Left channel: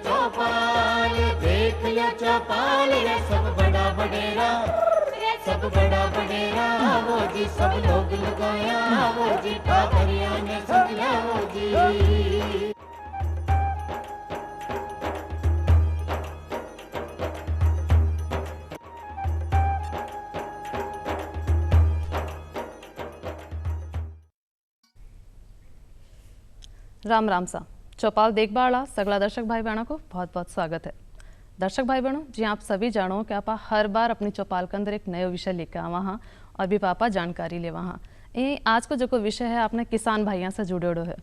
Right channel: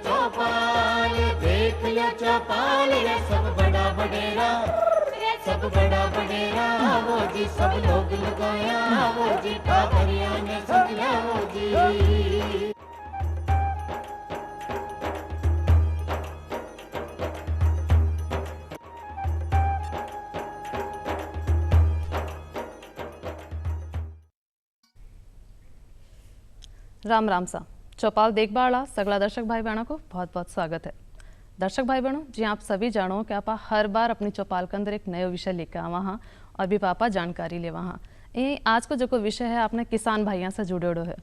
चौपाल, देख लियो चौपाल रे सब बड़ा बडेरा, सब बड़ा बडेरा वो जी सब लोग लगाया वो जी ठाकरिया ने समझा वो जी। राम राम सा चौपाल देख बाड़ा सगला दर्शक भाई बहनों को बहुत बहुत स्वागत है। दर्शक भाई बहनों जी आप सभी जानो कि आप हर बार अपनी चौपाल के अंदर एक नयो विषय लेकर आवा हाँ और भी पापा जानकारी लेवा हाँ। ये आज को जो कोई विषय है आपने किसान भाइयों से जुड़ेड़ो है।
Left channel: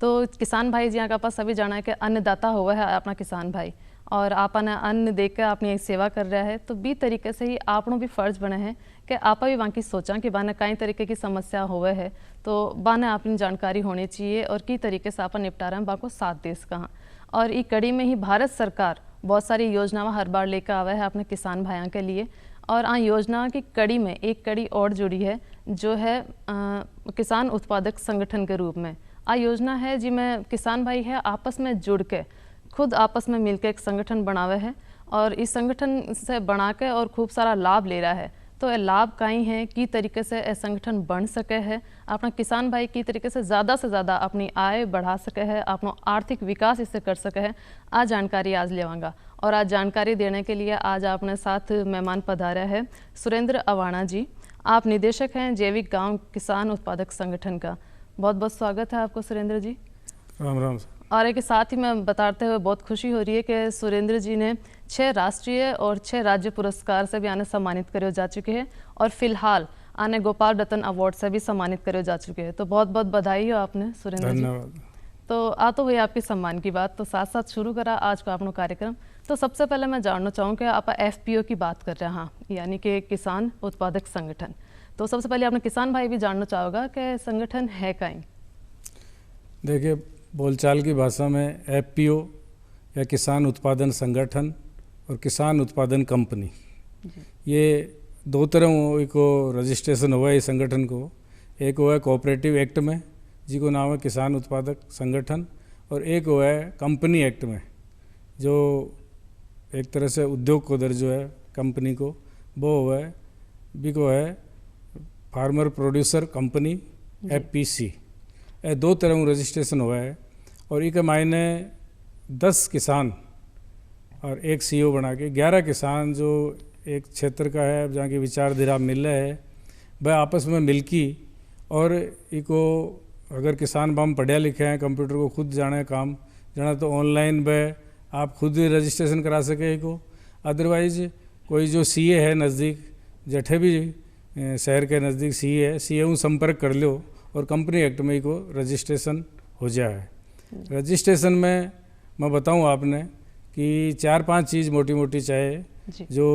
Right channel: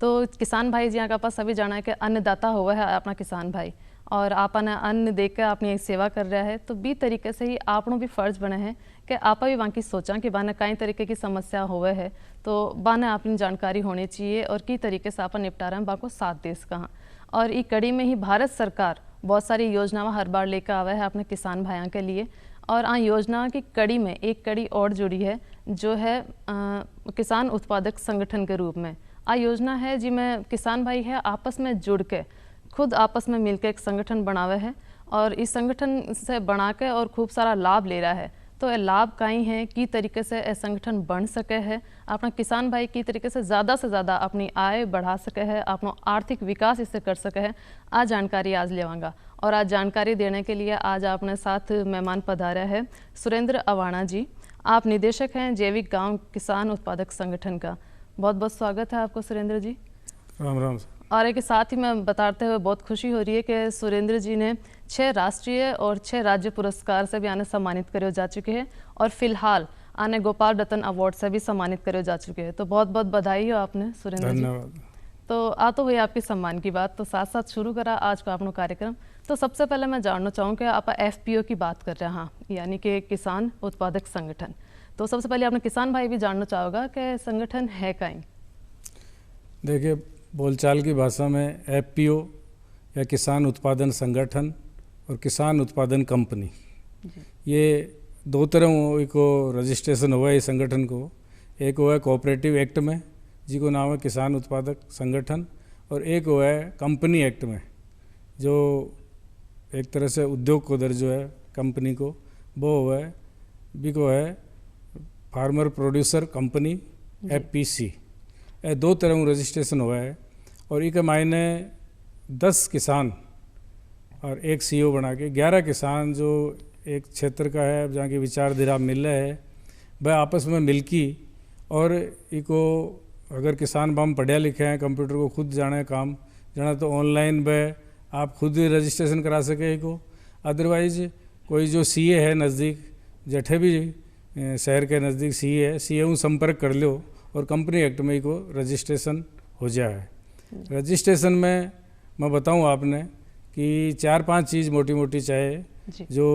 तो किसान भाई जी आप सभी जाना है कि अन्नदाता हुआ है अपना किसान भाई और आपने अन्न देकर अपनी सेवा कर रहा है। तो बी तरीके से ही आपनों भी फर्ज बने हैं कि आप भी वहाँ की सोचा कि बाने कई तरीके की समस्या हुए है तो बाने अपनी जानकारी होनी चाहिए और की तरीके से अपन निपटा रहे हैं बाको साथ देश कहाँ। और ई कड़ी में ही भारत सरकार बहुत सारी योजनाएं हर बार लेकर आवे है अपने किसान भाइयों के लिए। और आ योजना की कड़ी में एक कड़ी और जुड़ी है जो है किसान उत्पादक संगठन के रूप में। आ योजना है जिसमें किसान भाई है आपस में जुड़ के खुद आपस में मिलकर एक संगठन बनावे है और इस संगठन से बना के और खूब सारा लाभ ले रहा है। तो ये लाभ कहीं है की तरीके से ये संगठन बन सके है अपना किसान भाई की तरीके से ज़्यादा अपनी आय बढ़ा सके है अपना आर्थिक विकास इससे कर सके है। आज जानकारी आज लेवांगा और आज जानकारी देने के लिए आज अपने साथ मेहमान पधारा है सुरेंद्र अवाणा जी। आप निदेशक हैं जैविक गांव किसान उत्पादक संगठन का। बहुत बहुत स्वागत है आपको सुरेंद्र जी। राम राम। और एक साथ ही मैं बताते हुए बहुत खुशी हो रही है कि सुरेंद्र जी ने 6 राष्ट्रीय और 6 राज्य पुरस्कार से भी आने सम्मानित करे जा चुके हैं और फिलहाल आने गोपाल रत्न अवार्ड से भी सम्मानित करे जा चुके हैं। तो बहुत बहुत बधाई हो आपने सुरेंद्र जी। तो आ तो हुई आपकी सम्मान की बात। तो साथ साथ शुरू करा आज का अपना कार्यक्रम। तो सबसे पहले मैं जानना चाहूँ कि आप FPO की बात कर रहे हैं हाँ यानी कि किसान उत्पादक संगठन। तो सबसे पहले आपने किसान भाई भी जानना चाहोगा कि संगठन है कहीं। देखिए बोलचाल की भाषा में FPO या किसान उत्पादन संगठन और किसान उत्पादन कंपनी ये दो तरह को रजिस्ट्रेशन हुआ है इस संगठन को। एक हुआ है कोऑपरेटिव एक्ट में जिसको नाम है किसान उत्पादक संगठन और एक हुआ है कंपनी एक्ट में जो एक तरह से उद्योग को दर्जो है कंपनी को वो हुआ है भी को है फार्मर प्रोड्यूसर कंपनी FPC। ये दो तरह रजिस्ट्रेशन हुआ है और एक मायने 10 किसान और एक CEO बना के 11 किसान जो एक क्षेत्र का है जहाँ की विचारधारा मिल रहे हैं वह आपस में मिलकी और इको अगर किसान बम पढ़े लिखे हैं कंप्यूटर को खुद जाने काम जाना तो ऑनलाइन वह आप खुद रजिस्ट्रेशन करा सके इको। अदरवाइज कोई जो CA है नज़दीक जठे भी शहर के नज़दीक CA है CA संपर्क कर लो और कंपनी एक्ट में को रजिस्ट्रेशन हो जाए। रजिस्ट्रेशन में मैं बताऊं आपने कि 4-5 चीज़ मोटी मोटी चाहे जो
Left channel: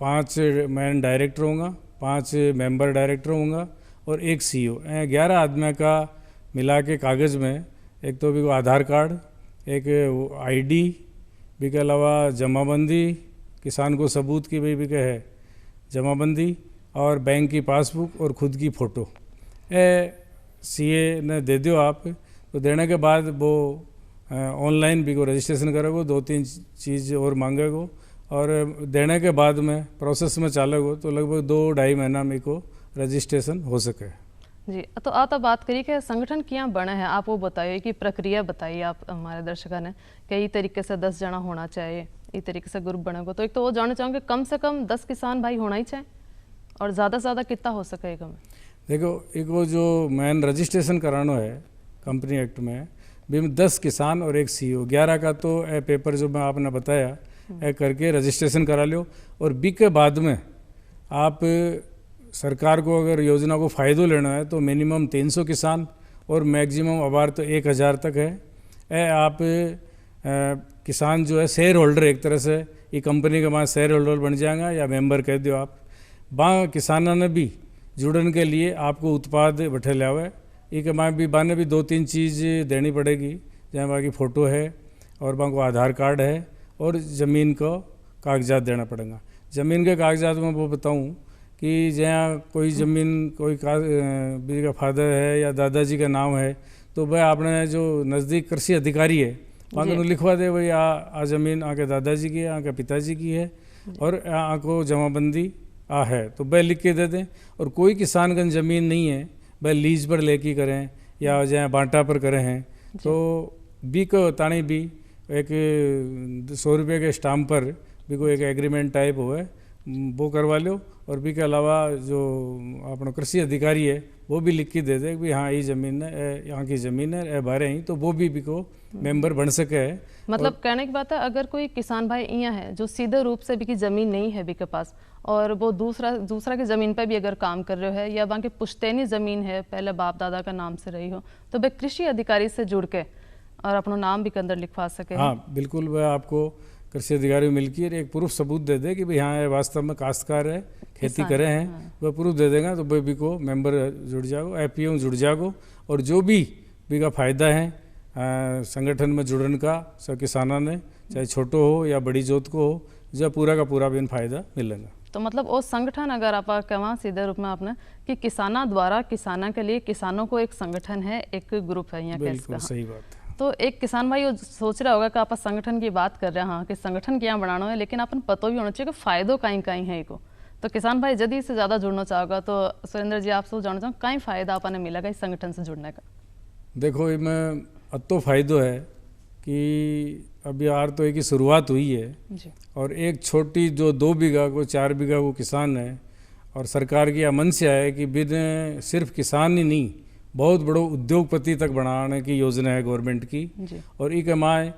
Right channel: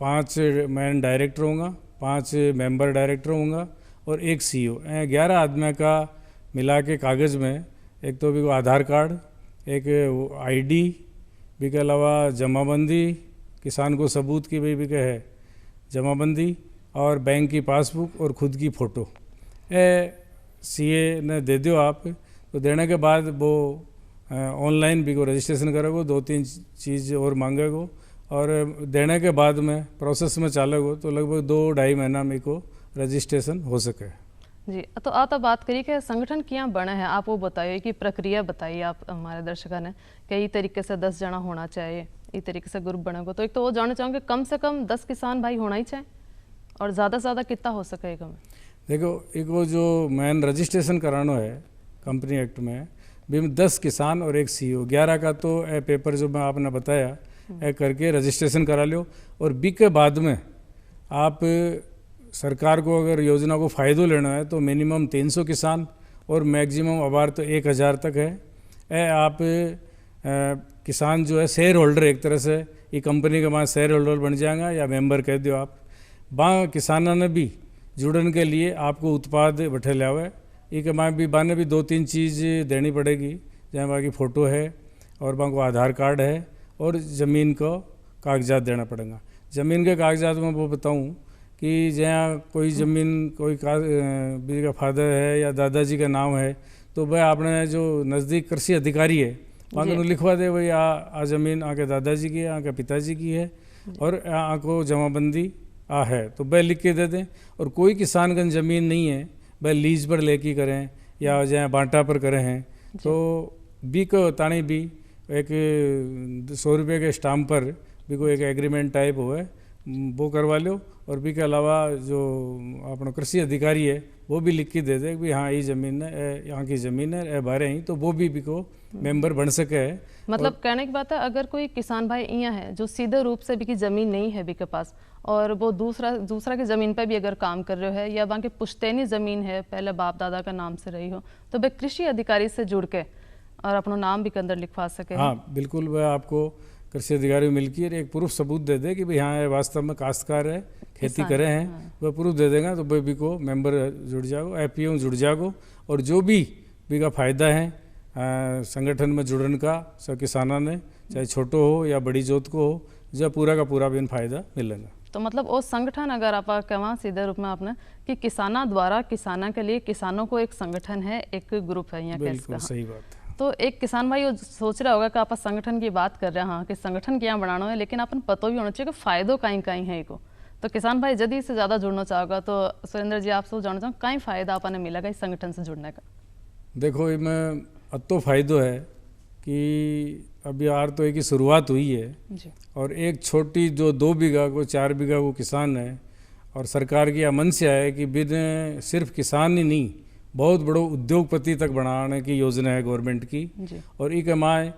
5 मैन डायरेक्टर होगा 5 मेंबर डायरेक्टर होगा और एक CEO 11 आदमी का मिला के कागज़ में एक तो भी आधार कार्ड एक ID भी के अलावा जमाबंदी किसान को सबूत की भी के है जमाबंदी और बैंक की पासबुक और खुद की फ़ोटो CA ने दे दो आप। तो देने के बाद वो ऑनलाइन भी को रजिस्ट्रेशन करेगो 2-3 चीज़ और मांगेगो और देने के बाद में प्रोसेस में चालेगो तो लगभग 2-2.5 महीना में को रजिस्ट्रेशन हो सके जी। तो आप बात करिए कि संगठन क्या बने हैं आप वो बताइए कि प्रक्रिया बताइए आप हमारे दर्शकों ने कई तरीके से 10 जना होना चाहिए इस तरीके से ग्रुप बनेगा। तो एक तो वो जानना चाहूँगे कम से कम 10 किसान भाई होना ही चाहिए और ज़्यादा से ज़्यादा कितना हो सकेगा। देखो एक वो जो मैन रजिस्ट्रेशन कराना है कंपनी एक्ट में भी 10 किसान और एक CEO 11 का तो पेपर जो मैं आपने बताया करके रजिस्ट्रेशन करा लो और बी के बाद में आप सरकार को अगर योजना को फ़ायदा लेना है तो मिनिमम 300 किसान और मैक्सिमम अबार तो 1000 तक है। आप किसान जो है शेयर होल्डर एक तरह से ये कंपनी के बाद शेयर होल्डर बन जाएगा या मेंबर कह दो आप वहाँ किसानों ने भी जुड़ने के लिए आपको उत्पाद बैठे लिया हुआ है। एक माँ भी बाने भी 2-3 चीज़ देनी पड़ेगी जहाँ वहाँ की फ़ोटो है और वहाँ को आधार कार्ड है और ज़मीन को कागजात देना पड़ेगा। ज़मीन के कागजात में वो बताऊँ कि जहाँ कोई ज़मीन कोई का फादर है या दादाजी का नाम है तो वह आपने जो नज़दीक कृषि अधिकारी है वहाँ को लिखवा दे भाई आ जमीन आके दादाजी की है, आके पिताजी की है और को जमाबंदी है, तो वह लिख के दे दें। और कोई किसान का ज़मीन नहीं है वह लीज पर लेके करें या जहाँ बांटा पर करें हैं, तो बी को तानी भी एक 100 रुपये के स्टाम्प पर भी कोई एक एग्रीमेंट टाइप हो है वो करवा लो। और भी के अलावा जो अपना कृषि अधिकारी है वो भी लिख के दे दे कि हाँ ये ज़मीन है, यहाँ की ज़मीन है, बारे ही, तो वो भी को मेंबर बन सके है। मतलब कहने की बात है, अगर कोई किसान भाई यहाँ है जो सीधे रूप से भी की ज़मीन नहीं है भी के पास और वो दूसरा की ज़मीन पर भी अगर काम कर रहे है या बाकी पुश्तैनी ज़मीन है पहले बाप दादा का नाम से रही हो, तो वह कृषि अधिकारी से जुड़ के और अपना नाम भी के अंदर लिखवा सके। हाँ बिल्कुल, वह आपको कृषि अधिकारी मिलकर एक प्रूफ सबूत दे दे कि भाई हाँ वास्तव में काश्तकार है, खेती करे हैं, वह प्रूफ दे देगा तो भी को मेंबर जुड़ जाओ, एपीओ जुड़ जाओ। और जो भी का फ़ायदा है संगठन में जुड़ने का सब किसानों ने, चाहे छोटो हो या बड़ी जोत को हो, जो पूरा का पूरा भी फायदा मिलेगा। तो मतलब वो संगठन अगर आप कहें सीधे रूप में आपने कि किसाना द्वारा किसाना के लिए किसानों को एक संगठन है, एक ग्रुप है यहाँ। बिल्कुल सही बात है। तो एक किसान भाई सोच रहा होगा कि आप संगठन की बात कर रहे हैं, हाँ कि संगठन क्या बनाना है, लेकिन अपन पता भी होना चाहिए कि फायदों कहीं है को। तो किसान भाई यदि इससे ज़्यादा जुड़ना चाहोगा तो सुरेंद्र जी आपसे जानना चाहूँ कहीं फ़ायदा अपन मिलेगा इस संगठन से जुड़ने का? देखो इसमें अतो फायदो है कि अभी यार तो एक ही शुरुआत हुई है जी। और एक छोटी जो 2 बीघा को 4 बीघा को किसान है और सरकार की मनसा है कि बिन सिर्फ किसान ही नहीं बहुत बड़ो उद्योगपति तक बनाने की योजना है गवर्नमेंट की जी। और एक माए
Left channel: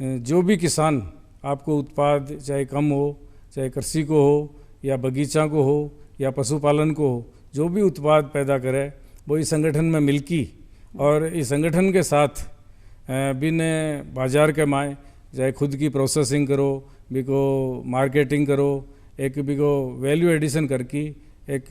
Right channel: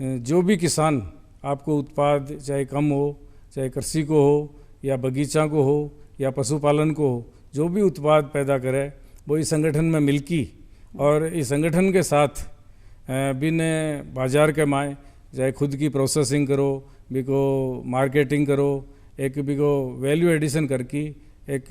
जो भी किसान आपको उत्पाद चाहे कम हो, चाहे कृषि को हो या बगीचा को हो या पशुपालन को हो, जो भी उत्पाद पैदा करे वो इस संगठन में मिलकी और इस संगठन के साथ बिन बाजार के माए चाहे खुद की प्रोसेसिंग करो, भी को मार्केटिंग करो, एक भी को वैल्यू एडिशन करके एक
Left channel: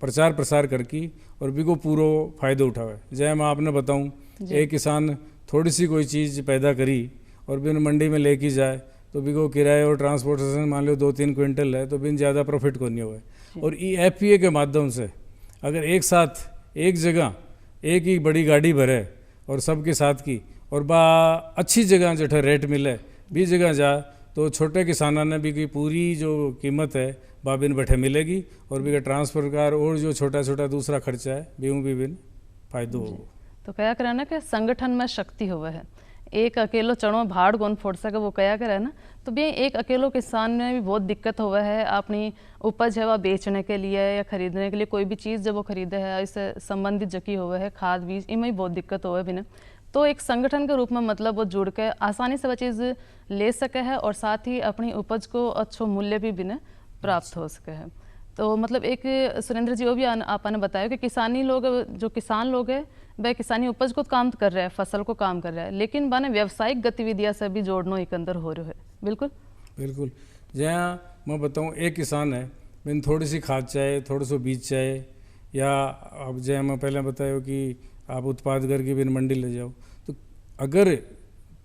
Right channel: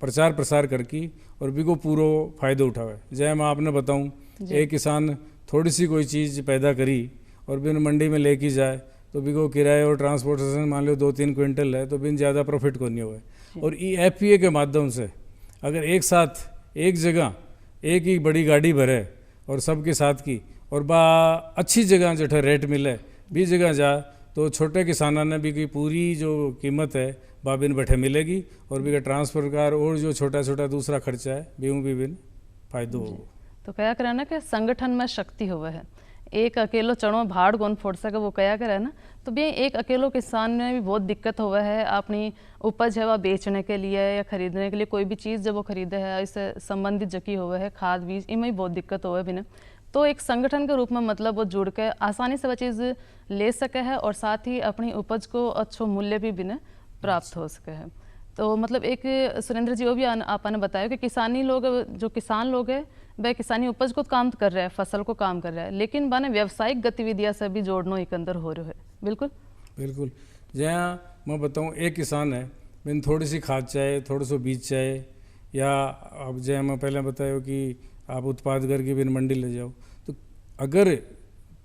प्रचार प्रसार करके और भी को पूरा फ़ायदा उठावे। जैसे मैं आपने बताऊं, एक किसान थोड़ी सी कोई चीज़ पैदा करी और बिन मंडी में लेके जाए तो भी को किराए और ट्रांसपोर्टेशन मान लो 2-3 क्विंटल है तो बिन ज़्यादा प्रॉफिट को नहीं हुए। और एफपीए के माध्यम से अगर एक साथ एक जगह एक ही बड़ी गाड़ी भरे और सबके साथ की और बा अच्छी जगह जो रेट मिले भी जगह जा तो छोटे किसानों ने भी की पूरी जो कीमत है बिन बैठे मिलेगी और भी का ट्रांसफर का और जो छोटा छोटा दूसरा खर्चा है भी बिन फायदो हो। तो कया करे ना कि संगठन में शक्ति हुआ है, एक अकेलो चढ़ो भाड़ कौन फोड़ सके वो कया करे ना। तो भी एक अकेलो किसान में भी बहुत दिक्कत हुआ है अपनी उपज है वह बेचने के लिए या खरीदने के लिए, कोई भी चीज़ जब वो खरीदे है इससे संबंधित जकी हुआ है खाद बीज इनमें भी बहुत दिक्कत हुआ है बिना। तो एक संगठन के रूप में मतलब वो जुड़ के आसानी से वह चीज़ ले सके है और साथ ही अपनी उपज को अच्छो मूल्य भी बिना प्राप्त हो सके है। तो मतलब एक सुरेंद्र जी वो भी आपने बताया कि किसानी लोग जो किसान लोग हैं वह किसानी उपज को काम कर रहे हैं, फसल को काम कर रहे हैं, लेकिन बने व्यावसायिक गतिविधियां से भी जोड़ना एक अंदर हो रहा है। बिल्कुल बिल्कुल। जहाँ मैं बताऊँ एक किसान है मैंने थोड़ी सी खाद चाहे, थोड़ा सा बीज चाहे, या अब जैसे मैं पहले बताया कि आप उत्पाद करके बिन मंडी ले जाओ, तो अगर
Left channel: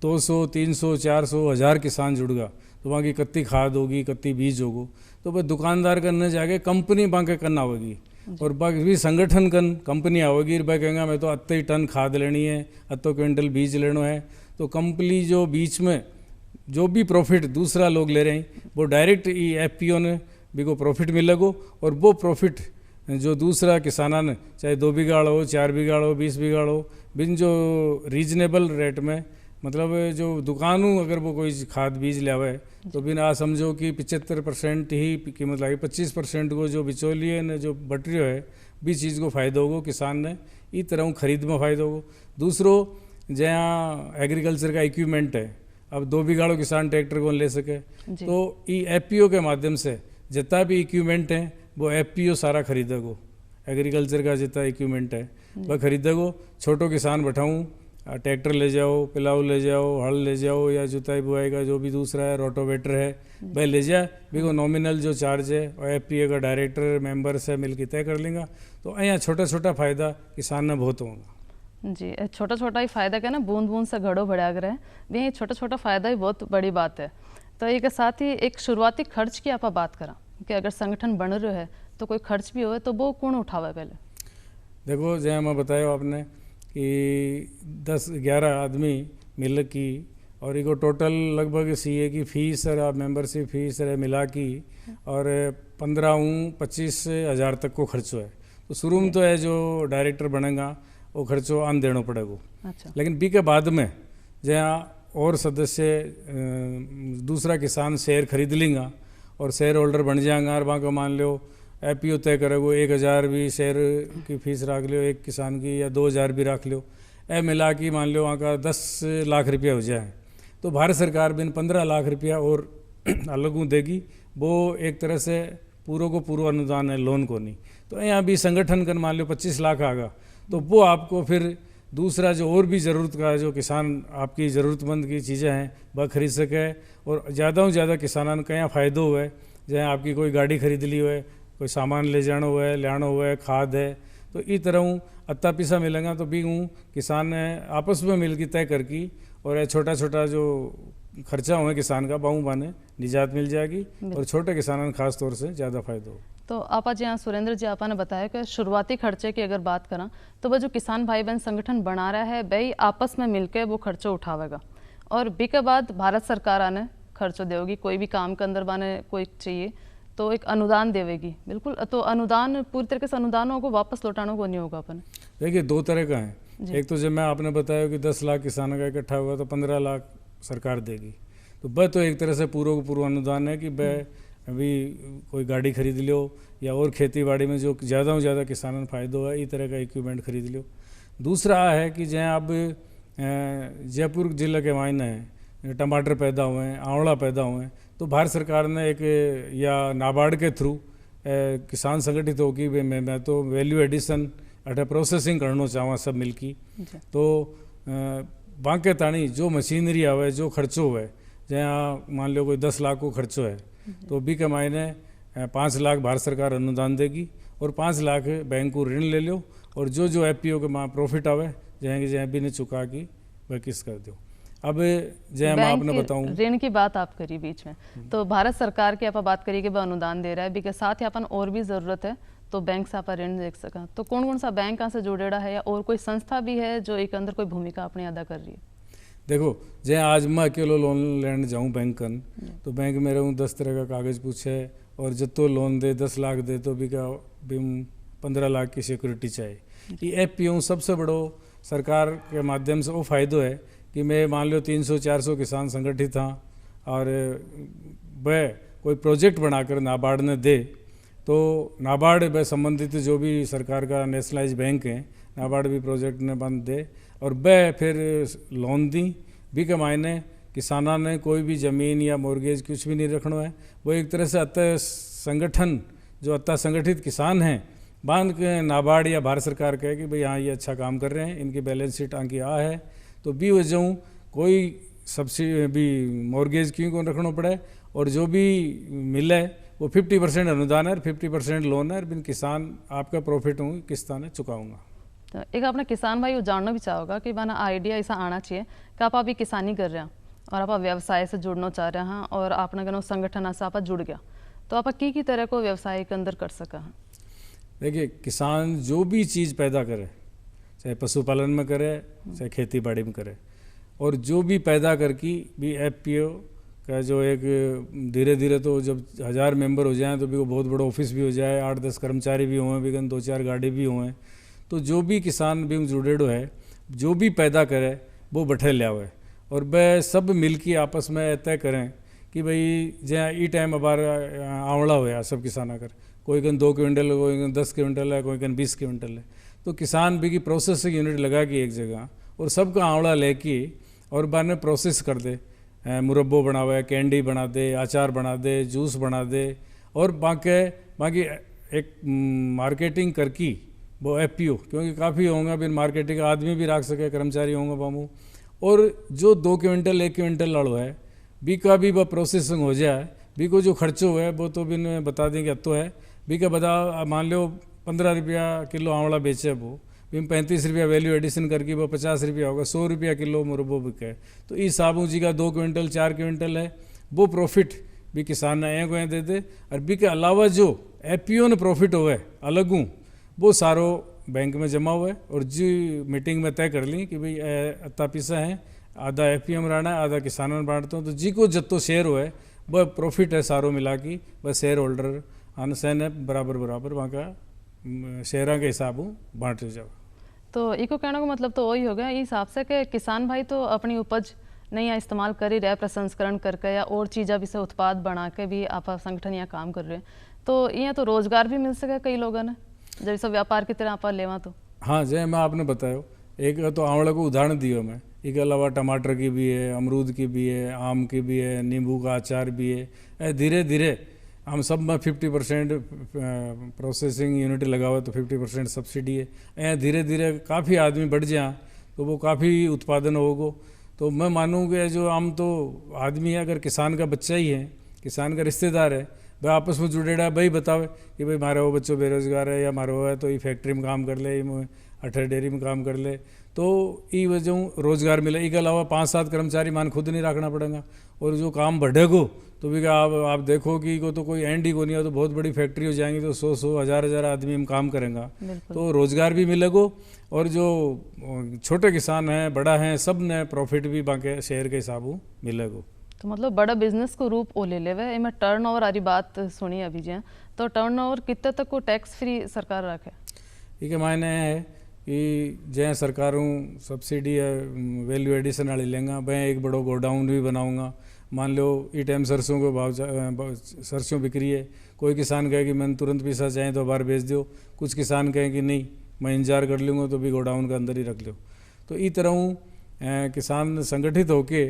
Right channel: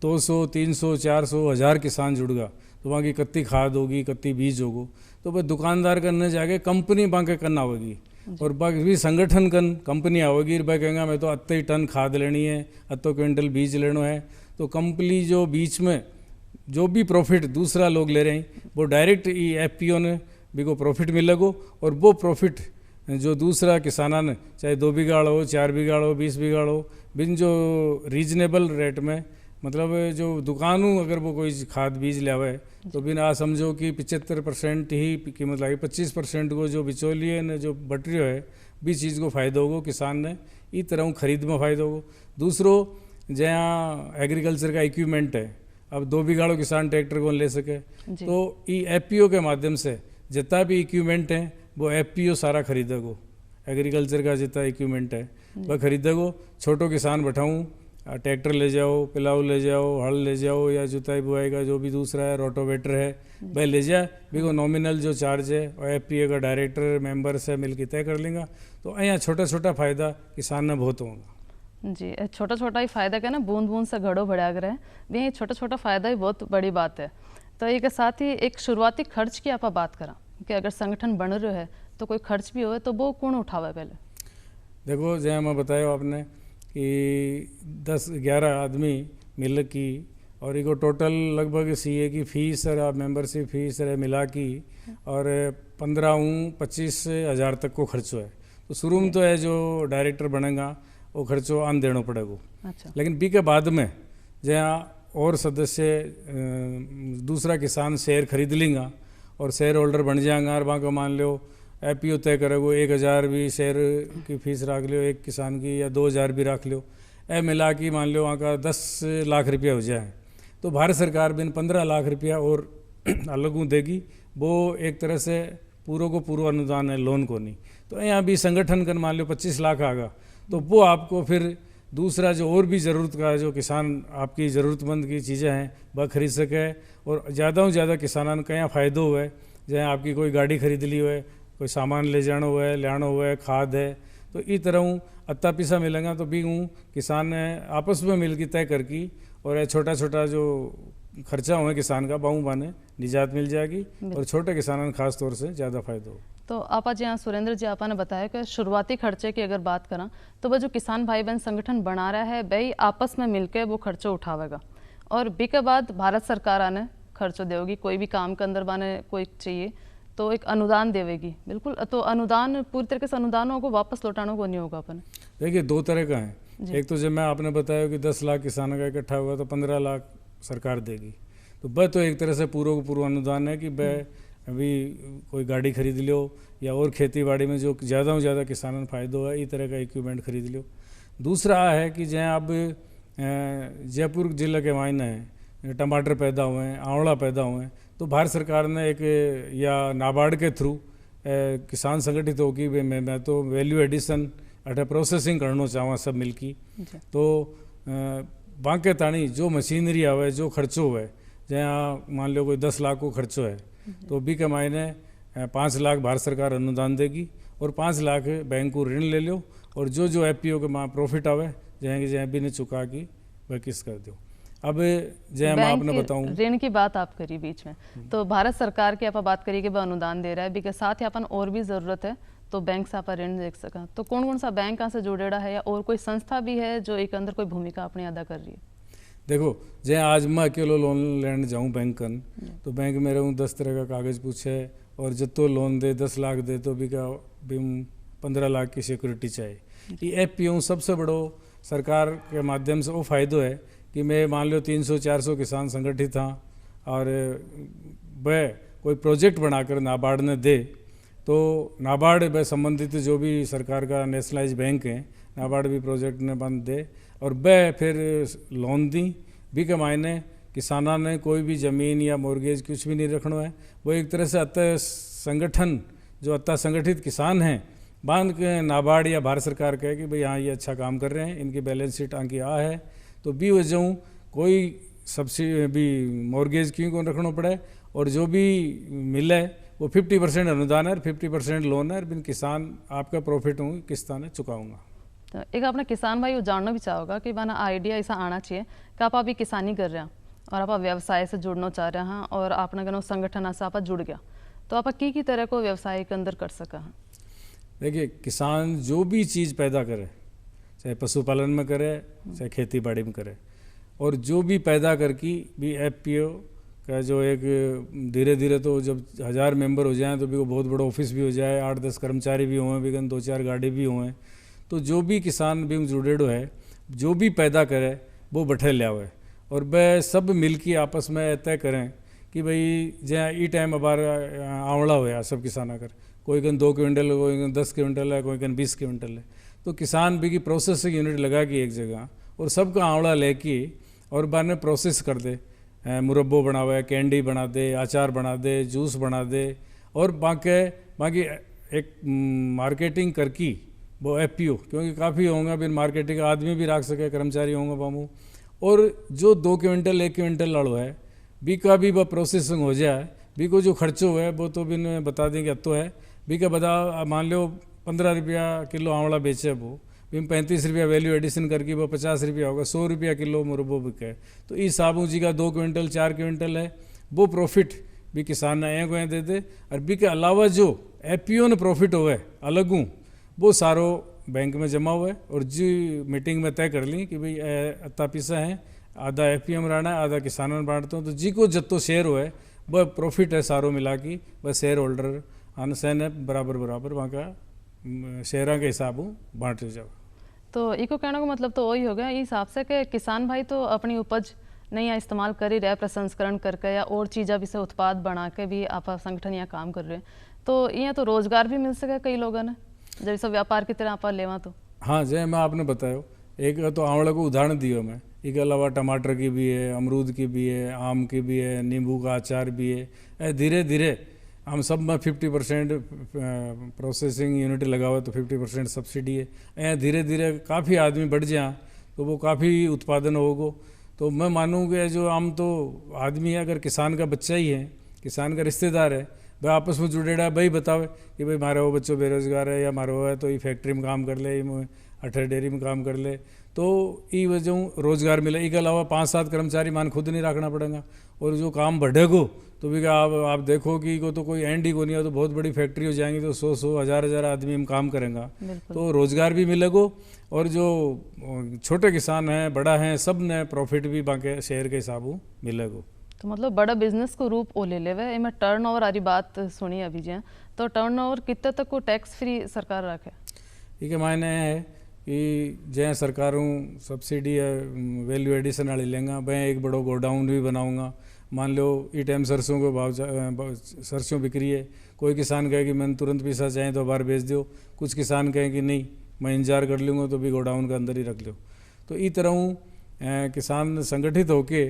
200, 300, 400, 1000 किसान जुड़गा तो वहाँ की कत्ती खाद होगी, कत्ती बीज होगो, तो वह दुकानदार करने जाके कंपनी बांके करना होगी और बाकी संगठन कन कंपनी आओगी भाई कहेंगे मैं तो अत्ते टन खाद लेनी है, अत्तो क्विंटल बीज लेना है, तो कंपनी जो बीच में जो भी प्रॉफिट दूसरा लोग ले रहे हैं वो डायरेक्ट एफपीओ ने भी को प्रॉफिट मिलेगो और वो प्रॉफिट जो दूसरा किसाना ने चाहे 2 बीघा हो, 4 बीघा हो, 20 बीघा हो, बिन जो रीजनेबल रेट में मतलब जो दुकानों अगर वो कोई खाद बीज ले आवे तो बिन आ समझो कि 75% ही कीमत लगी, 25% को जो बिचौलिए ने जो बट रही है भी चीज़ को फायदा होगा किसान ने, इस तरह खरीद में फायदा होगा। दूसरों जहाँ एग्रीकल्चर का इक्विपमेंट है, अब 2 बीघा किसान ट्रैक्टर को ले सके तो ई एफपीओ के माध्यम से जितना भी इक्विपमेंट है वो एफपीओ सारा खरीदेगो, एग्रीकल्चर का जितना इक्विपमेंट है वह खरीदेगो। छोटो किसान बैठाऊँ ट्रैक्टर ले जाओ, पिलाऊ ले जाओ, हल ले जाओ या जुताई बुआई का जो भी दूसरा है रोटोवेटर है वह ले जाए, भी को नॉमिनल जो चार्ज है और एफपीए का डायरेक्टर मेंबर से मिलकर तय कर लेंगे। तो यहाँ छोटा छोटा फायदा किसान ने बहुत होगा। जी छोटा छोटा ही फायदा क्या ना, बूंद बूंद से घड़ो बढ़ा कर है, ये छोटा छोटा फायदा ही बहुत बड़ी बात है। तो एक साथ ही एक शुरुआती खर्च की आप बात करा कि अगर संगठन बन रहे है तो कोई खर्च भी हो तो वो कौन उठावे पहले? देखो जैसे मैं बताया आपने कि 10-11 आदमी मिल की और इको टोटल लगभग सीए की फीस और मेंबरशिप फीस है मिला की और 15-25 हज़ार तक को खर्चो है। तो शुरू में तो है जो डायरेक्टर बनेगा वो खर्चो आन देना पड़ेगा। अच्छा। लेकिन बी के बाद में जहाँ और सदस्य दूसरा किसान शेयर खरीद लेंगा और शेयर होल्डर बन जाएगा और वहाँ को मान लो एपीओ तय करेगो 1000 भी शेयर की फीस रख लो एक किसान की या 2000 भी रख लो, ए मिला की मान लो वहाँ का 10 लाख रुपया हो जाए तो भारत सरकार भी 15 लाख रुपया और अलग देगी। वो एक तरह से पूरा को पूरा अनुदान है, लोन को नहीं। तो यहाँ भी संगठन कर मान लो 25 लाख आगा तो वो आपको फिर दूसरा जो और भी ज़रूरत का है जो किसान आपकी ज़रूरतमंद की चीज़ें हैं वह खरीद सके और ज़्यादा से ज़्यादा किसानों का यहाँ फ़ायदा हुआ है। जहाँ आपकी कोई गाड़ी खरीद ली हुआ है, कोई सामान ले जाना हुआ है, लाना हुआ है, खाद है, तो इस तरह हूँ अत्ता पिसा मिलेगा तो भी हूँ किसान आपस में मिल के तय करके और छोटा छोटा जो खर्चा हुआ है किसान का बाहू बाने निजात मिल जाएगी और छोटे किसानों खास तौर से ज़्यादा फायदा हो। तो आपा जी हाँ सुरेंद्र जी आपा ने बताया कि शुरुआती खर्चे की अगर बात करें तो वह जो किसान भाई बहन संगठन बना रहा है वही आपस में मिलकर वो खर्चो उठावेगा और बी के बाद भारत सरकार आने खर्चो देगी। कोई भी काम के अंदर बाने कोई चाहिए तो एक अनुदान देवेगी। बिल्कुल, तो अनुदान पूरी तरीके से अनुदानों को वापस लौटाने को नहीं होगा अपन। देखिए दो तरह का है, एक तो जब मैं आपने बताया कि 10 लाख किसानों का इकट्ठा हुआ तो 15 लाख सरकार देगी, तो वह तो एक तरह से पूर्व अनुदान है कि वह अभी कोई गाड़ी खरीद लो या और खेती बाड़ी में जो ज़्यादा से ज़्यादा किसानों को फायदा है इस तरह का इक्विपमेंट खरीद लो। दूसरा है कि जहाँ अब जयपुर जिले के मायने है टमाटर पैदा हुए हैं, आंवला पैदा हुए हैं, तो भारत सरकार ने एक या नाबार्ड के थ्रू किसान संगठित होगी मैं तो वैल्यू एडिशन अटे प्रोसेसिंग करना चाहूँ सब मिलकी। तो बांके ताणी जो मशीनरी आवे जो खर्चो है जहाँ मान लो कोई 10 लाख को खर्चो है तो भी के मायने 5 लाख भारत सरकार अनुदान देगी और 5 लाख बैंक को ऋण ले लो और जो एफपीओ के माँ प्रॉफिट आवे जहाँ भी नहीं चुका की वह किस कर दो। अब जय मैं आपने बताऊं ऋण की बात आप करी बीच में, तो भारत सरकार की आप बात करी कि वह अनुदान दे रहा है, के साथ ही अपन और भी जरूरत है तो बैंक से आप ऋण देख सका। तो कौन कौन सा बैंक से जुड़ेड़ा है या और कोई संस्था भी है जो एक अंदर कोई भूमिका अपनी अदा कर रही है? देखो जय आज मैं अकेलो लोन लेने जाऊँ बैंक तो बैंक में रहूँ 10 तरह का कागज पूछे और जितो लोन दे 10 लाख दे तो भी 15 लाख की सिक्योरिटी चाहिए। ये एफपीओ सबसे बड़ो सरकार के माध्यम से वो फायदो है कि मैं मान लो 300-400 किसान संगठित हाँ और वह कोई प्रोजेक्ट बनाकर नाबार्ड ने दे तो नाबार्ड वह संबंधित जो भी सरकार का नेशनलाइज बैंक है नाबार्ड भी प्रोजेक्ट ने बंद दे और वह फिर लोन दी भी के मायने किसाना ने कोई भी ज़मीन या मॉर्गेज कुछ भी नहीं रखना है। वो एक तरह से अतः संगठन जो अतः संगठित किसान हैं बांध के नाबार्ड या भारत सरकार कहे कि भाई हाँ ये अच्छा काम कर रहे हैं, इनकी बैलेंस शीट आंकी आ है तो भी वो जाऊँ कोई सब्सिडी भी मॉर्गेज क्यों को रखना पड़े और जो भी मिले वो 50% अनुदान है और 50% लोन है और बिन किसान आपका प्रॉफिट हूँ किस्ता ने चुकाऊँगा। तो एक अपना किसान भाई जानना भी चाहोगा कि बना आइडिया ऐसा आना चाहिए कि आप अभी किसानी कर रहे हैं और आप व्यवसाय से जुड़ना चाह रहे हैं और आपने कहना संगठन से आप जुड़ गया तो आप की तरह को व्यवसाय के अंदर कर सका है? देखिए किसान जो भी चीज़ पैदा करे चाहे पशुपालन में करे चाहे खेती बाड़ी में करे और जो भी पैदा करके भी एफपीओ का जो एक धीरे धीरे तो जब 1000 मेंबर हो जाए तो भी वो बहुत बड़ा ऑफिस भी हो जाए 8-10 कर्मचारी भी हों भी 2-4 गाड़ी भी हों तो जो भी किसान भी जुड़ेडो है जो भी पैदा करे वो बैठे लिया हुआ है और वह सब मिलके आपस में तय करें कि भाई जहाँ ई टाइम अबार आंवला हुआ सब किसान कर कोई कन 2 क्विंटल कोई कन 10 क्विंटल है कोई कन 20 क्विंटल है तो किसान भी की प्रोसेसिंग यूनिट लगा के एक जगह और सबका आंवला लेके और बाद में प्रोसेस कर दे मुरब्बो बनावे कैंडी बना दे अचार बना दे जूस बना दे और बाकी एक मार्केटिंग करके वो एफपीओ क्योंकि काफ़ी होंगे बिन मार्केटिंग आदमी भी रख सके कर्मचारी होंगे बामू और जो 2 क्विंटल 1 क्विंटल लड़ो है बी का भी वह प्रोसेसिंग हो जाए बी को जो खर्चो है वो तो बिन बता देंगे अब तो है बी का बता मान लो 15 रुपया किलो आंवला बेचे वो भी 35 रुपया वैल्यू एडिशन करके वो 50 रुपया होगा 100 रुपया किलो मुरब्बो बिके तो इस साबू जी का 2 क्विंटल 4 क्विंटल है वो प्रॉफिट भी किसान ने एक दे दे और बी के अलावा जो एफपीओ ने प्रॉफिट हुए अलग हूँ वो सारो बैंक में जमा हुआ है और जी मीटिंग में तय कर ली कि भाई अत्ता पिसा है आधा एफपीओ में रहना, आधा किसानों में बांटता हूँ। तो जी को जत्तो शेयर हो है वह प्रॉफिट है सारो मिला की, वह शेयर होल्डर आनसन है बराबर बराबर वहाँ का शेयरों के हिसाब बांट जाओ। तो इको कहने का मतलब तो वही हो गया इस हिसाब से कि किसान भाई तो अपनी उपज नहीं इस्तेमाल कर ही रहे प्रसंस्करण करके या और चीज़ा भी से उत्पाद बना के भी आप संगठन यहाँ काम कर रहे हैं, तो यहाँ तो रोजगार भी मिल सके कई लोगों ने जैसे व्यापार की तरह आप लेवा तो। हाँ जय मैं आपने बताया एक तो आंवला को उदाहरण दिया मैं, इसके अलावा टमाटर की भी है, अमरूद की भी है, आम की भी है, नींबू का अचार भी है। धीरे धीरे हम सब में 50% प्रोसेसिंग यूनिट लगा हुआ तो 50% सब्सिडी है। धीरे धीरे काफ़ी आदमी बढ़ जाए तो वो काफ़ी उत्पादन होगा। तो मैं मानूँ कि जो हम तो आदमी है, अगर किसान का बच्चा ही है, किसान का रिश्तेदार है, वह आपस में जुड़ेड़ा भाई बतावे कि भाई हमारा वो बच्चों बेरोजगार है या हमारा वो है तो ये फैक्ट्री में काम कर ले, अठर डेयरी में काम कर ले, तो ये वजह रोजगार मिले। इसके अलावा 5-7 कर्मचारी मान खुद नहीं रखना पड़ेगा और जो काम बढ़ेगो तो भी आप देखो कि को तो कोई एंड ही को नहीं है, तो बहुत बड़ी फैक्ट्री हो जाएंगी तो 100 1000 आदमी हम काम करेंगे तो रोजगार भी मिलेगा और जो छोटे किसान हैं बड़ा हैं सब ने प्रॉफिट भी बाकी शेयर के हिसाब मिलेगा। तो मतलब बड़ा बिजनेस को रूप ओ ले लेवे। इनमें टर्नओवर वाली बात सुनी अभी जी, तो टर्नओवर कितने तक को टैक्स फ्री सरकार रखे? ये मायने है कि जै सरकारों सब्सिडी है वैल्यू एडिशन वाली लेंगा, मैं एक बड़ो गोडाउन भी बनाऊंगा। मान लो ई टाइम सरसों को भाव सरसों बिक्री है, कोई किसान कहे कि मैंने तुरंत पैसा चाहिए तो बाहर बेच दो, कुछ किसान कहें कि नहीं मैं इंतजार कर लूँगा तो भी गोडाउन के अंदर ही रख लो। तो इस तरह किसान संगठित होके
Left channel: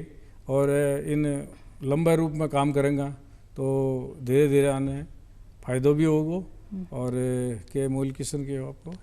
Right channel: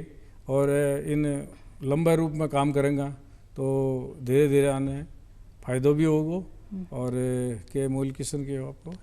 और इन लंबे रूप में काम करेंगे तो धीरे धीरे आने फायदो भी होगा। और के मूल किस्म के आपको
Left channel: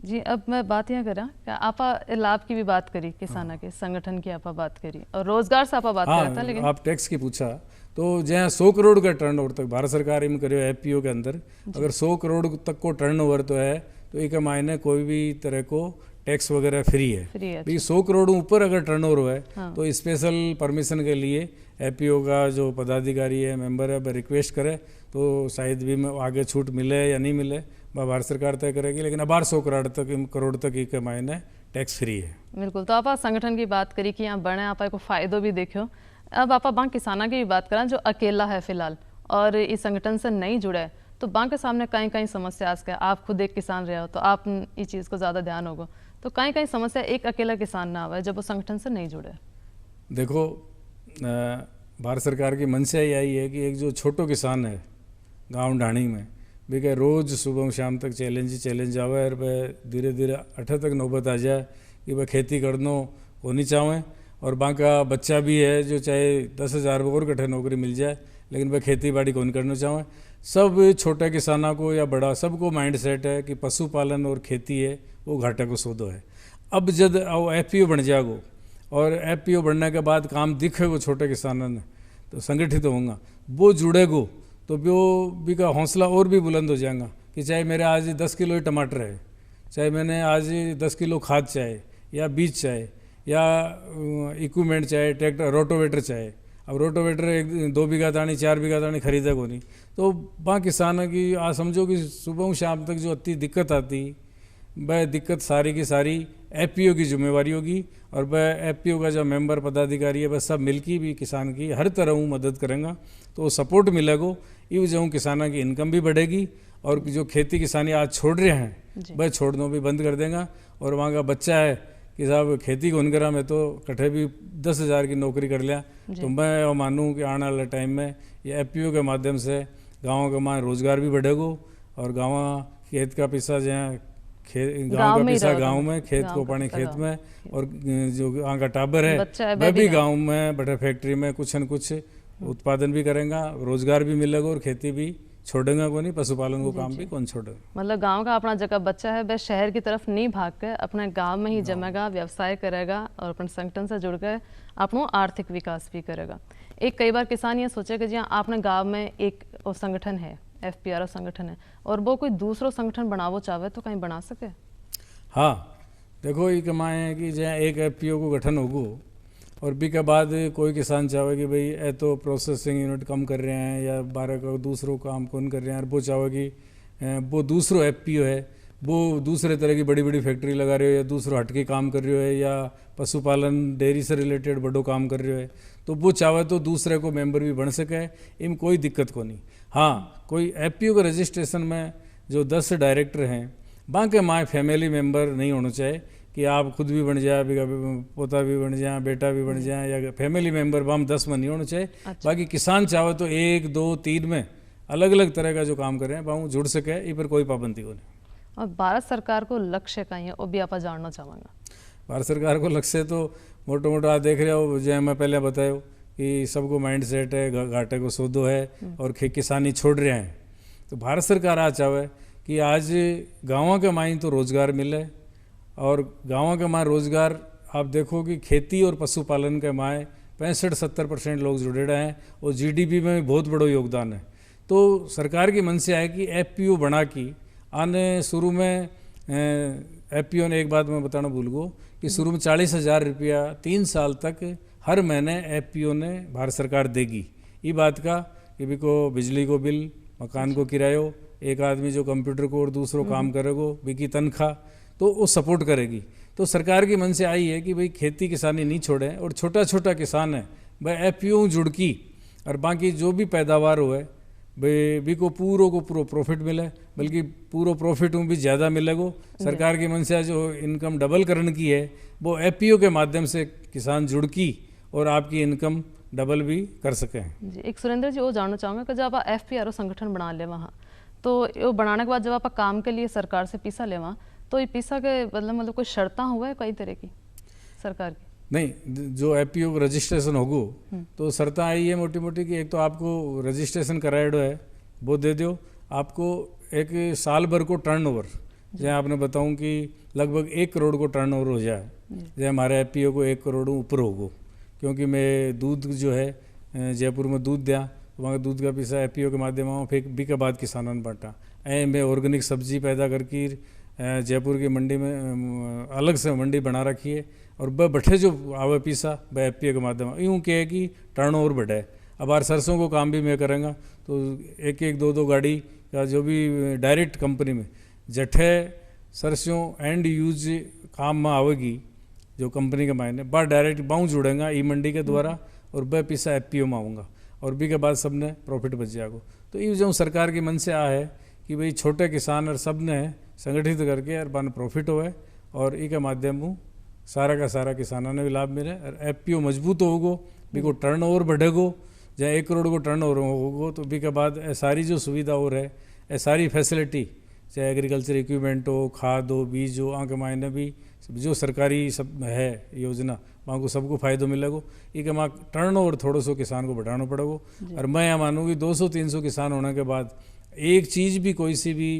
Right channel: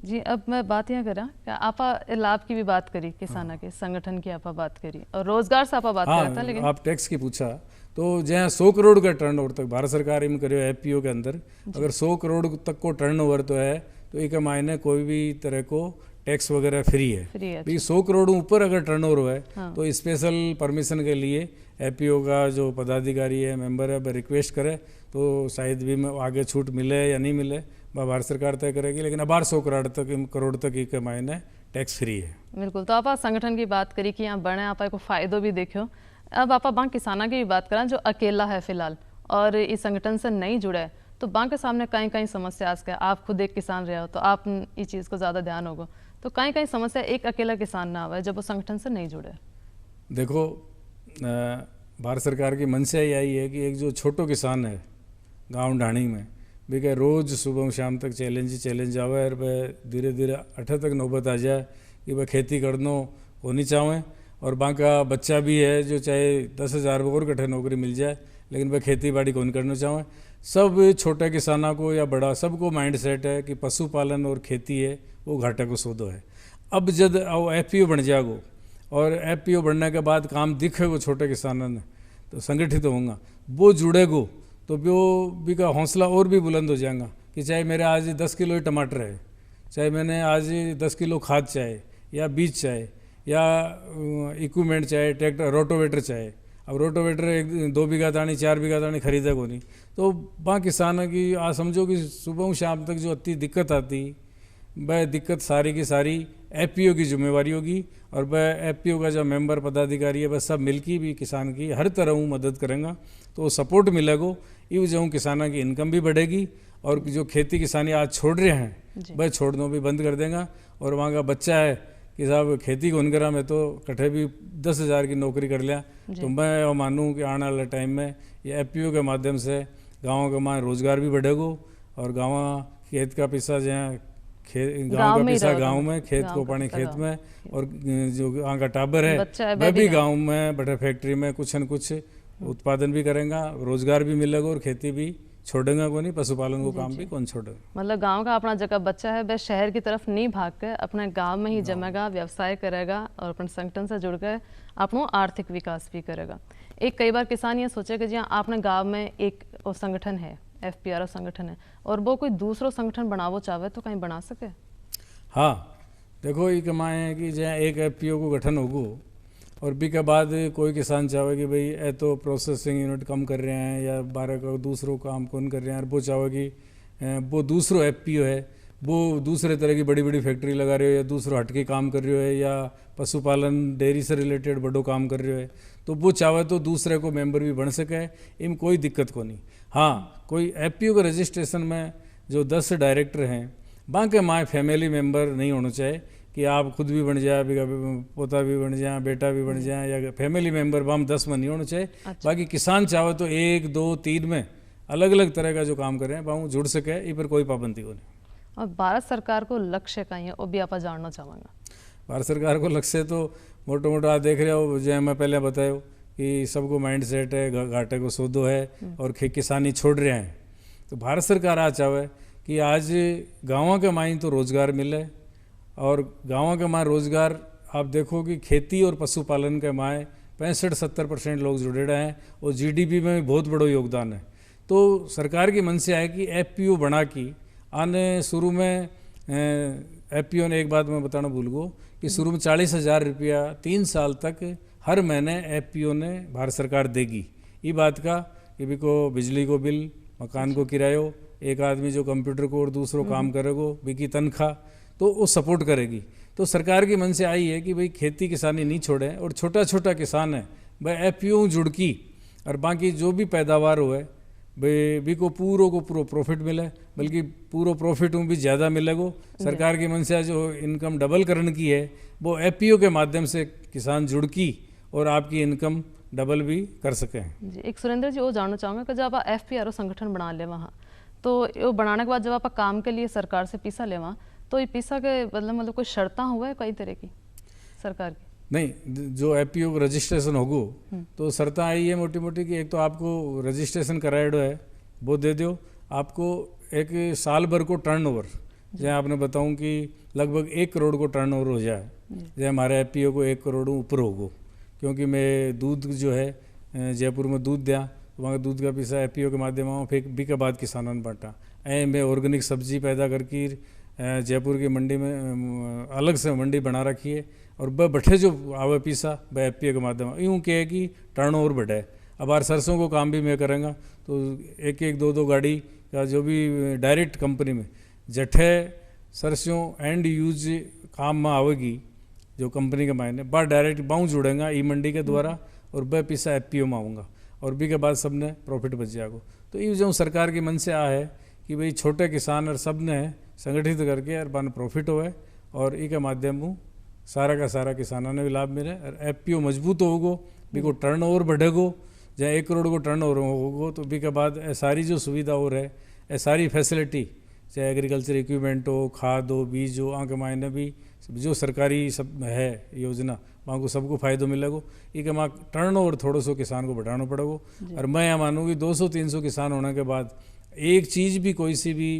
जी अब मैं बात यहाँ करा कि आपा लाभ की भी बात करी, किसाना के संगठन की आपा बात करी और रोजगार से आपा बात करा था। लेकिन आप टैक्स की पूछा तो जहाँ 100 करोड़ का टर्नओवर तक भारत सरकार में करे एफपीओ के अंदर अगर 100 करोड़ तक को टर्नओवर तो है तो एक मायने कोई भी तरह को टैक्स वगैरह फ्री है। तो ये 100 करोड़ ऊपर अगर टर्नओवर है तो स्पेशल परमिशन के लिए एफपीओ का जो पदाधिकारी है मेंबर है वह रिक्वेस्ट करे तो शायद भी आगे छूट मिले या नहीं मिले वह भारत सरकार तय करेगी, लेकिन अब 100 करोड़ तक एक मायने टैक्स फ्री है। बिल्कुल। तो आप संगठन की बात करी कि यहाँ बने आप फायदो भी देखो। अब आप बांक किसाना की भी बात करें जो अकेला है फिलहाल और इस संगठन से नहीं जुड़ा है, तो बांक के सामने कहीं कहीं समस्या आ सके। आप खुद एक किसान रहे हो तो आप इस चीज़ को ज़्यादा ध्यान होगा, तो कहीं कहीं समस्या एक अकेला किसान ना आवे जब वो संगठन से नहीं जुड़े। देखो भारत सरकार की मंशा यही है कि एक जो छोटो किसान है गांव ढाणी में भी रोज़ सुबह शाम तक चैलेंज आवे और वह धीरे धीरे अठे तक नौबत आ जाए कि वह खेती करना होनी चाहें और बाका बच्चा भी है जो चाहे 10,000 और कट्ठे नौकरी मिल जाए लेकिन वह खेती बाड़ी कौन करना चाहें। सब छोटे किसानों को या बड़ा सबको माइंड सेट है कि पशुपालन और खेती है वो घाटे को सौदो है। अब जब एफपीओ बन जाएगो और एफपीओ बनने के बाद काम दिखेगो छोटे किसानों ने तो संगठित होगा, वो जुड़ेगो तो वो भी का हौसला और भी बुलंद हो जाएगा कि चाहे मेरे आज 10 किलो ही टमाटर है, चाहे मैंने आज 10 किलो खाद चाहे या बीज चाहे या इक्विपमेंट चाहे ट्रैक्टर रोटोवेटर चाहे। अब रोटोवेटर 2 बीघा दानी 4 बीघा दानी खरीदा को नहीं तो वहाँ किसान की आज समझो कि सुबह शाम तक जो इतनी दिक्कत आती वह दिक्कत सारी की सारी एफपीओ की जिम्मेवारी होगी और वह एफपीओ का जो मेंबर पदाधिकारी है वह सब मिलकर भी किसान की हर तरह मदद करेंगे तो सपोर्ट मिलेगा। ये वजह किसानों की इनकम भी बढ़ेगी और जो खेती किसानी आज छोड़ रहे हैं वह छोड़ना भी बंद कर देगा। और वहाँ का बच्चा है कि साहब खेती को करा में तो कट्ठे भी 10,000 की नौकरी कर लिया तो मैं मानूँ कि आने वाले टाइम में ये एफपीओ के माध्यम से गाँव का वहाँ रोजगार भी बढ़ेगा और गाँव खेत का पैसा जहाँ गाँव का पैसा गाँव में, खेत को पानी खेत में और जो गाँव का टाबर है वह भी गाँव में बड़े फैक्ट्री में कुछ न कुछ उत्पादन भी करेंगे, रोजगार भी मिलेगा और खेती भी छोड़ेगा को नहीं, पशुपालन को काम भी कौन छोड़ेगा। मतलब गांव का अपना जगह बच्चा है वह शहर की तरफ नहीं भाग के अपने गांव में ही जमेगा, व्यवसाय करेगा और अपने संगठन से जुड़ कर अपना आर्थिक विकास भी करेगा। एक कई बार किसान ये सोचेगा जी आपने गाँव में एक संगठन है एफपीआर संगठन है और वो कोई दूसरा संगठन बनावो चाहे तो कहीं बना सके। हाँ देखो ये कमाए है कि जहाँ एक एफपीओ को गठन होगो और बी के बाद कोई किसान चाहे कि भाई ए तो प्रोसेसिंग यूनिट कम कर रहे हैं या 12 का दूसरों काम कौन कर रहे हैं और वो चाहे कि वो दूसरों एफपीओ है वो दूसरे तरह की बड़ी बड़ी फैक्ट्री लगा रहे हो या दूसरों हटके काम कर रहे हो या पशुपालन डेयरी से रिलेटेड बड़ो काम कर रहे है, तो वो चाहे तो दूसरे को मेंबर भी बन सके, इनमें कोई दिक्कत को नहीं। हाँ, कोई एफपीओ के रजिस्ट्रेशन में जो 10 डायरेक्टर हैं, बाकी माए फैमिली मेंबर नहीं होना चाहिए कि आप खुद भी बन जाए, पोता भी बन जाए, बेटा भी बन जाए, या फैमिली मेंबर बाम 10 में नहीं होना चाहिए। बाकी किसान चाहे तो 1, 2, 3 में अलग अलग तरह का जो काम कर रहे हैं वहाँ जुड़ सके, इस पर कोई पाबंदी को नहीं। और भारत सरकार को लक्ष्य कहीं है वो भी आप जानना चाहूँगा। भारत सरकार को लक्ष्य तो मोटो मोटा आप देख रहे हो, जैसे मैं पहले बताया कि सबको माइंड सेट है, घाटे को सौदो है और किसानी छोड़ रहे हैं। तो भारत सरकार आज चाहे कि आज गाँव के माई तो रोजगार मिले, और गाँव के माए रोजगार आप देखो कि खेती और पशुपालन के माए 65-70% लोग जुड़े रहे हैं, और जीडीपी में भी बहुत बड़ा योगदान है। तो सरकार की मन से है कि एफपीओ बना की आने शुरू में एफपीओ ने, एक बात मैं बताना भूल गो कि शुरू में 40,000 रुपया 3 साल तक हर महीने एफपीओ ने भारत सरकार देगी। ये बात का कि भी को बिजली को बिल, मकान को किरायो, एक आदमी जो कंप्यूटर को और दूसरों काम करेगो भी की तनख्वाह, तो वो सपोर्ट करेगी। तो सरकार की मन से आई है कि भाई खेती किसानी नहीं छोड़े, और छोटा छोटा किसान है भाई एफपीओ जुड़की, और बाकी जो भी पैदावार हो भी को पूरो प्रॉफिट मिले, बल्कि पूरो प्रॉफिट भी ज़्यादा मिलेगो। सरकार की मन से जो इनकम डबल करने की है वो एफपीओ के माध्यम से किसान जुड़ की और आपकी इनकम डबल भी कर सके जी। एक सुरेंद्र जी वो जानना चाहूँगा कि जब आप एफपीआरओ संगठन बना ले वहाँ, तो ये बनाने के बाद जब आप काम के लिए सरकार से पैसा ले वहाँ, तो ये पैसा के मतलब कोई शर्तें हुआ है कई तरह की सरकार की? नहीं, जो एफपीओ रजिस्ट्रेशन होगो तो शर्तें आई है मोटी मोटी कि एक तो आपको रजिस्ट्रेशन कराएडो है वो दे दो, आपको एक साल भर को टर्नओवर, जैसे आपने बताऊं कि लगभग 1 करोड़ को टर्नओवर हो जाए, जैसे हमारे एफपीओ को 1 करोड़ ऊपर होगो, क्योंकि मैं दूध जो है जयपुर में दूध दिया, तो वहाँ दूध का पैसा एफपीओ के माध्यम फिर भी के बाद किसानों ने बांटा। मैं ऑर्गेनिक सब्जी पैदा करके जयपुर की मंडी में अलग से मंडी बना रखी है, और वह बठे जो आवे पैसा वह एफपीओ के माध्यम यूँ कहे कि टर्नओवर बढ़े। अब यार सरसों को काम भी मैं करूँगा, तो 1-1, 2-2 गाड़ी या जो भी डायरेक्ट कंपनी में जठे सरसों एंड यूज काम में आवेगी जो कंपनी के मायने बार डायरेक्ट बाऊ जुड़ेगा ई मंडी के द्वारा, और वह पैसा एफपीओ में आऊँगा, और भी के बाद सबने प्रॉफिट बच जाएगा। तो ये जो सरकार की मन से आ है कि भाई छोटे किसान और सब ने संगठित करके और बन प्रॉफिट होए, और ई के माध्यम सारा का सारा किसानों ने भी लाभ मिले, और एफपीओ मजबूत होगो, भी को टर्नओवर बढ़ेगो, जहाँ 1 करोड़ को टर्नओवर होगो, तो भी के बाद सारी जो सुविधा और है सारी फैसिलिटी, चाहे एग्रीकल्चर इक्विपमेंट हो, खाद हो, बीज हो, आँख मायने भी जो सरकारी सब है योजना वहाँ को सबको फायदो मिलेगो। ये कि वहाँ टर्नओवर थोड़ा सो किसान को बढ़ाना पड़ेगो, और मैं यह मानूँ कि 200-300 किसान होने के बाद एक चीज़ भी कोई सी भी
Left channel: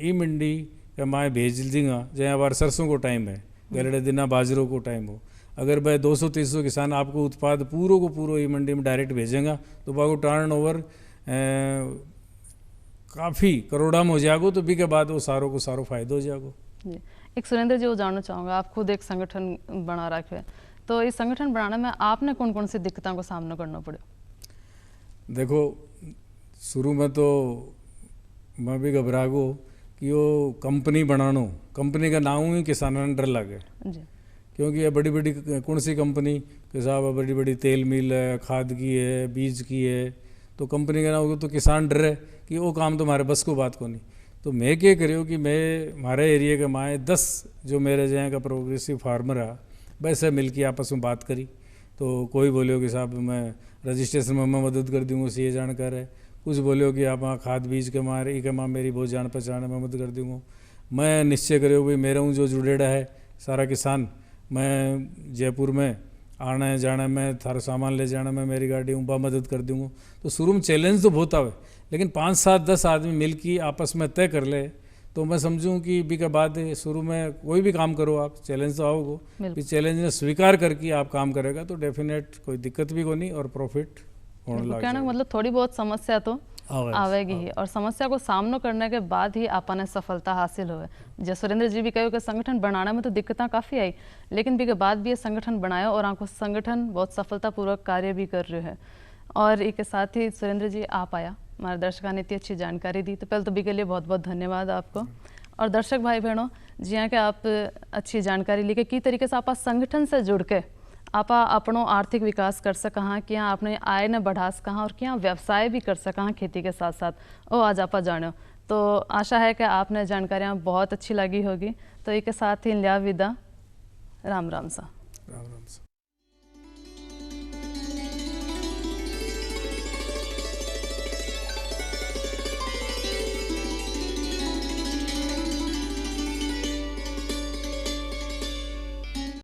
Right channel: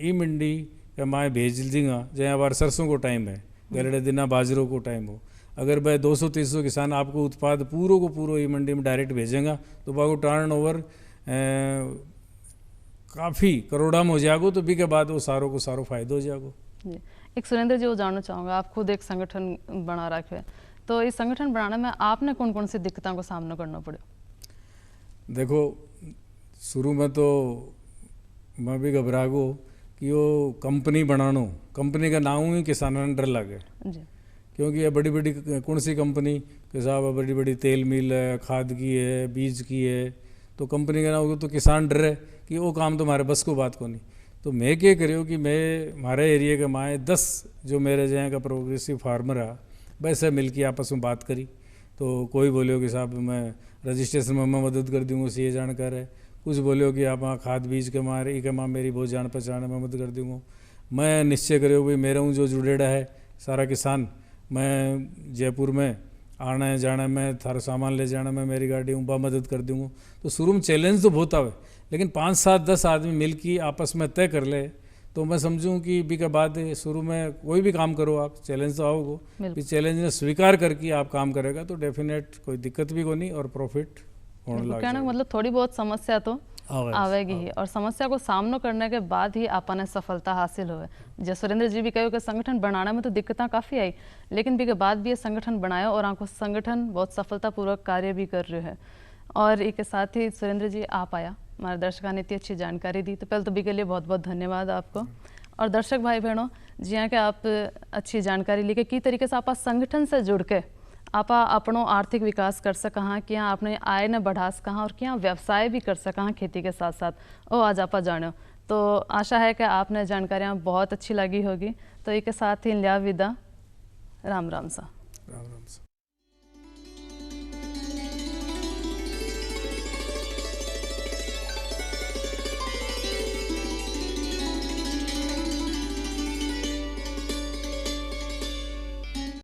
ई मंडी या माए भेज देंगे, जहाँ हमारे सरसों को टाइम है, गलड़े दिना बाजरों को टाइम हो, अगर भाई 200-300 किसान आपको उत्पाद पूरो को पूरो ई मंडी में डायरेक्ट भेजेंगे, तो वहाँ टर्नओवर काफ़ी करोड़ा में हो जाएगा, तो भी के बाद वो सारों को सारो फायदा हो जाएगा। एक सुरेंद्र जी वो जानना चाहूँगा, आप खुद एक संगठन बना रखे हैं, तो इस संगठन बनाने में आपने कौन कौन सी दिक्कतों का सामना करना पड़ा? देखो, शुरू में तो मैं भी घबरा गो कि वो कंपनी बनानो, कंपनी का नाम ही किसानों ने डर लगे, क्योंकि ये बड़ी बड़ी कौन सी कंपनी के साहब बड़ी बड़ी तेल मिल है, खाद की है, बीज की है, तो कंपनी का नाम तो किसान डर है कि वो काम तो हमारे बस को बात को नहीं। तो मैं क्या करूँ कि मैं हमारे एरिया के माए 10 जो मेरे जहाँ का प्रोग्रेसिव फार्मर है वैसे मिल के आपस में बात करी, तो कोई बोलियो कि साहब मैं रजिस्ट्रेशन में मैं मदद कर दूँगा, ये जानकार है, कुछ बोलियो कि आप वहाँ खाद बीज के मारे के माँ मेरी बहुत जान पहचान है, मैं मदद कर दूँगा। मैं निश्चय करो भाई मेरा हूँ जो जुड़ेड़ा है सारा किसान, मैं जयपुर में आना जाना में थारा सामान ले जाना में मेरी गाड़ी हूँ, मदद कर दूँगा। तो शुरू में चैलेंज तो बहुत आवे, लेकिन 5-7-10 आदमी मिल के आपस में तय कर ले, तो मैं समझूं कि भी के बाद शुरू में कोई भी काम करो आप चैलेंज तो आओगे, इस चैलेंज ने स्वीकार करके आप काम करेगा तो डेफिनेट कोई दिक्कत भी को नहीं और प्रॉफिट होने लग जाएगा। मतलब थोड़ी बहुत समस्या तो आवेगी ही, और समस्या को सामना करने के बाद ही आपने सफलता हासिल हुए। जैसे सुरेंद्र जी भी कहो कि संगठन बनाने में तो दिक्कतें काफ़ी आई, लेकिन भी के बाद भी ये संगठन बनाया और आपको संगठन बहुत सफलतापूर्वक कार्य भी कर रहे हैं। और इसके साथ ही सुरेंद्र जी आप आया, हमारे दर्शकों ने इतनी अच्छी जानकारी दी, तो पहले तो भी के लिए बहुत बहुत धन्यवाद आपको। और दर्शक भाई बहनों, जियां कि आप अच्छी जानकारी लेके की तरीके से आप संगठन से जुड़ के आप अपनो आर्थिक विकास कर सका कि आपने आय ने बढ़ा सका और क्या व्यवसाय भी कर सका खेती के साथ साथ वो आज आप जानो। तो आशा है कि आपने जानकारियाँ बहुत अच्छी लगी होगी। तो एक साथ ही लिया विदा, राम राम सा।